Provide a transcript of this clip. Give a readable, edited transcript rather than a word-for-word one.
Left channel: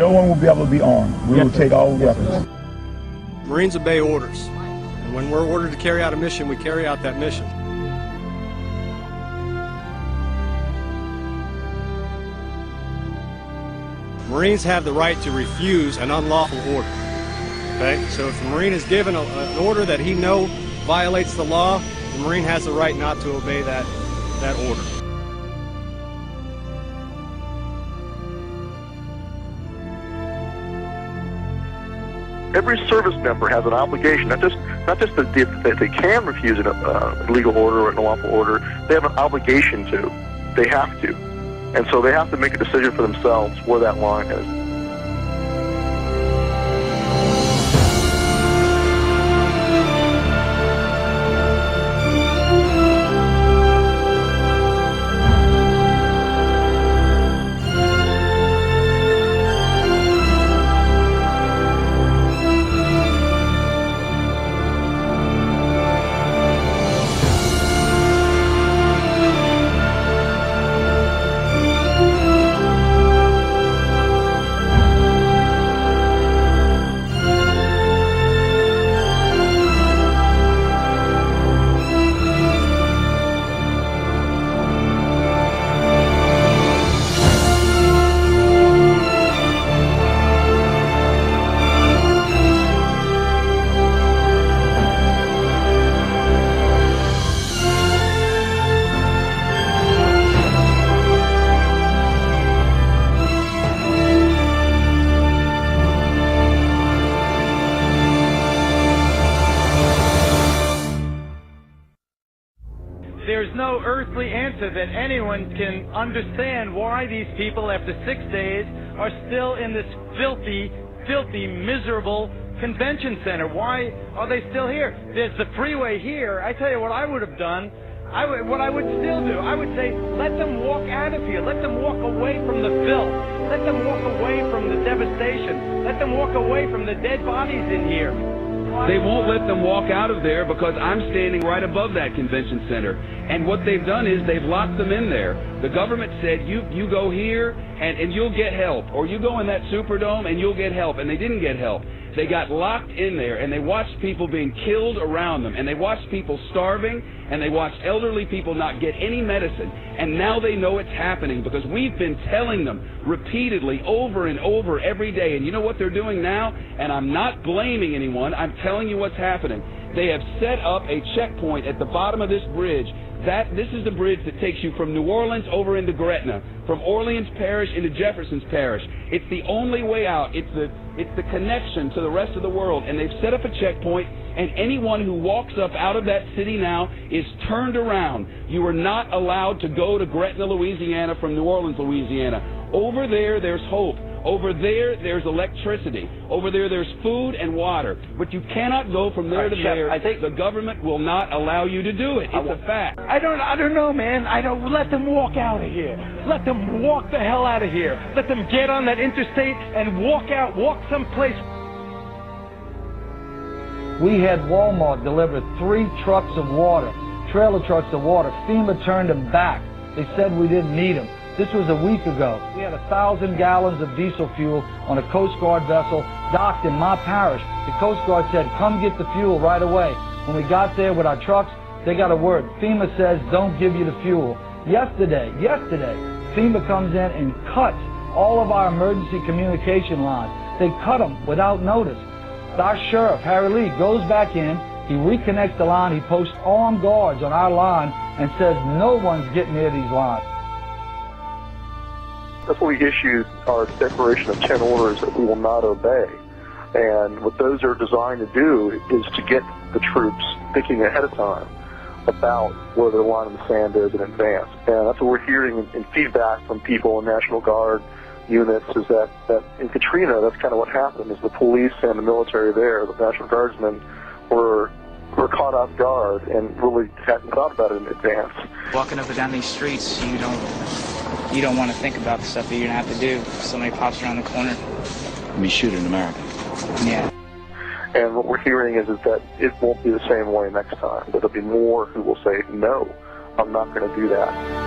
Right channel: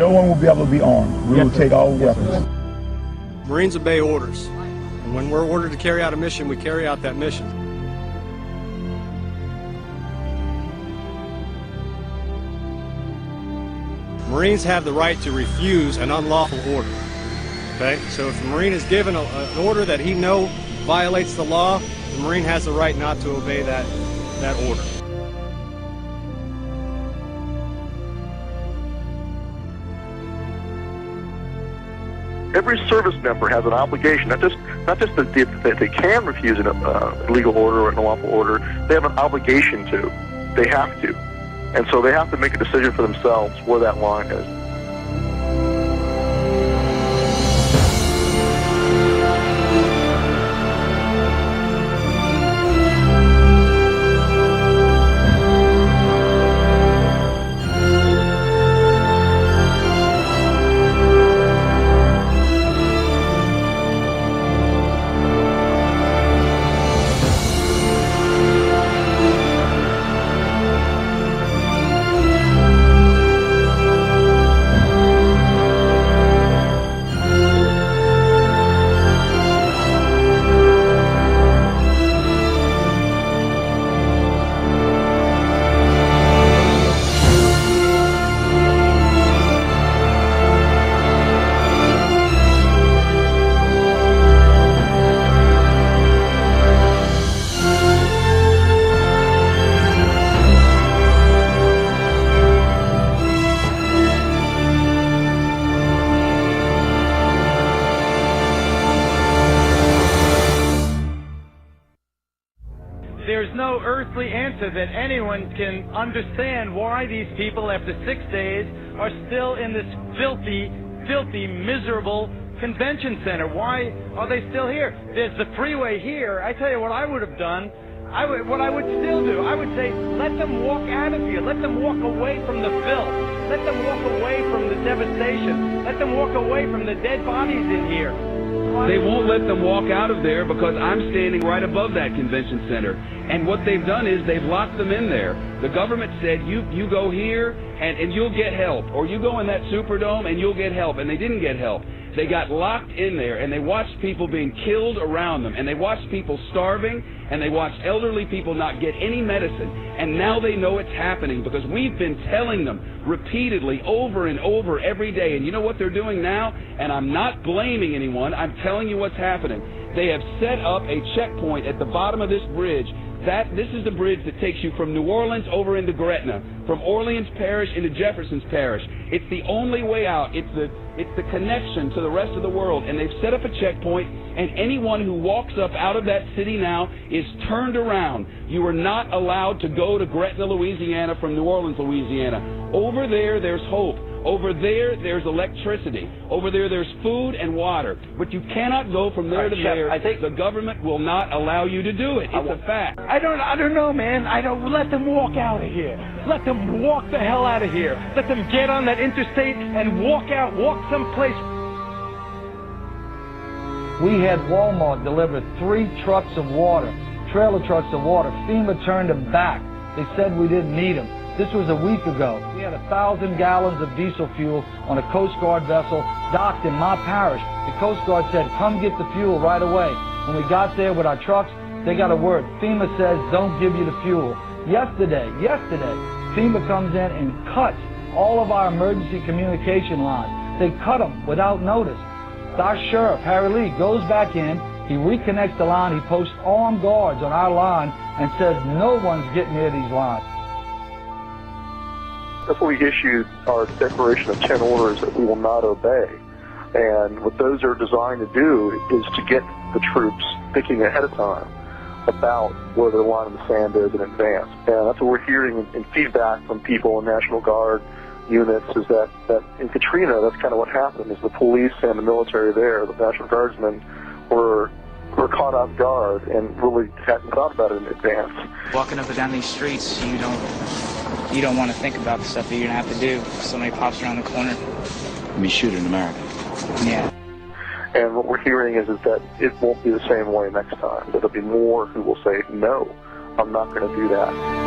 No one will be able to be armed. We will take all weapons. Every service member has an obligation, not just that they can refuse an illegal order or an unlawful order. They have an obligation to. They have to. And so they have to make a decision for themselves where that line is. There's no earthly answer that anyone can understand why these people, after 6 days, are still in this filthy, miserable convention center. Why are they still here? There's the freeway here. I tell you what I would have done. What I would still do, I would say, let them walk out of here. Let them walk away from the filth. Let them walk away from the devastation. Let them walk away from the dead bodies in here. They won't let them walk out of there because I'm standing right above that convention center. And what they've done is they've locked them in there. The government said, you go here and you'll get help. Or you go in that Superdome and you'll get help. And they didn't get help. They got locked in there, and they watched people being killed around them, and they watched people starving, and they watched elderly people not get any medicine. And now they know it's happening because we've been telling them repeatedly over and over every day. And you know what they're doing now? And I'm not blaming anyone. I'm telling you what's happening. They have set up a checkpoint at the bottom of this bridge. This is the bridge that takes you from New Orleans over into Gretna, from Orleans Parish into Jefferson's Parish. It's the only way out. It's the connection to the rest of the world. And they've set up a checkpoint, and anyone who walks up out of that city now is turned around. You are not allowed to go to Gretna, Louisiana from New Orleans, Louisiana. Over there, there's hope. Over there, there's electricity. Over there, there's food and water. But you cannot go from there to there. I think the government will not allow you to do it. It's a fact. I don't know, man. Let them walk out of here. Let them walk the hell out of here. Let them get on that interstate and walk someplace. We had Walmart deliver 3 trucks of water, trailer trucks of water. FEMA turned them back. They said we didn't need them. This was a week ago. We had 1,000 gallons of diesel fuel on a Coast Guard vessel docked in my parish. The Coast Guard said, come get the fuel right away. When we got there with our trucks, they got a word. FEMA says, don't give you the fuel. Yesterday, FEMA comes in and cuts all of our emergency communication lines. They cut them without notice. Our sheriff, Harry Lee, goes back in. He reconnects the line. He posts armed guards on our line and says no one's getting near these lines. That's why we issued our declaration of 10 orders that we will not obey. And what those are designed to do is to get the troops thinking ahead of time about where the line in the sand is in advance. And that's what we're hearing in feedback from people in National Guard units is that in Katrina, that's kind of what happened, is the police and the military there, the National Guardsmen, were caught off guard and really hadn't thought about it in advance. Walking up and down these streets, you don't want to think about the stuff that you're going to have to do if somebody pops around the corner. We shoot in America. Yeah. And what we're hearing is that it won't be the same way next time. There'll be more who will say, no, I'm not going to do that.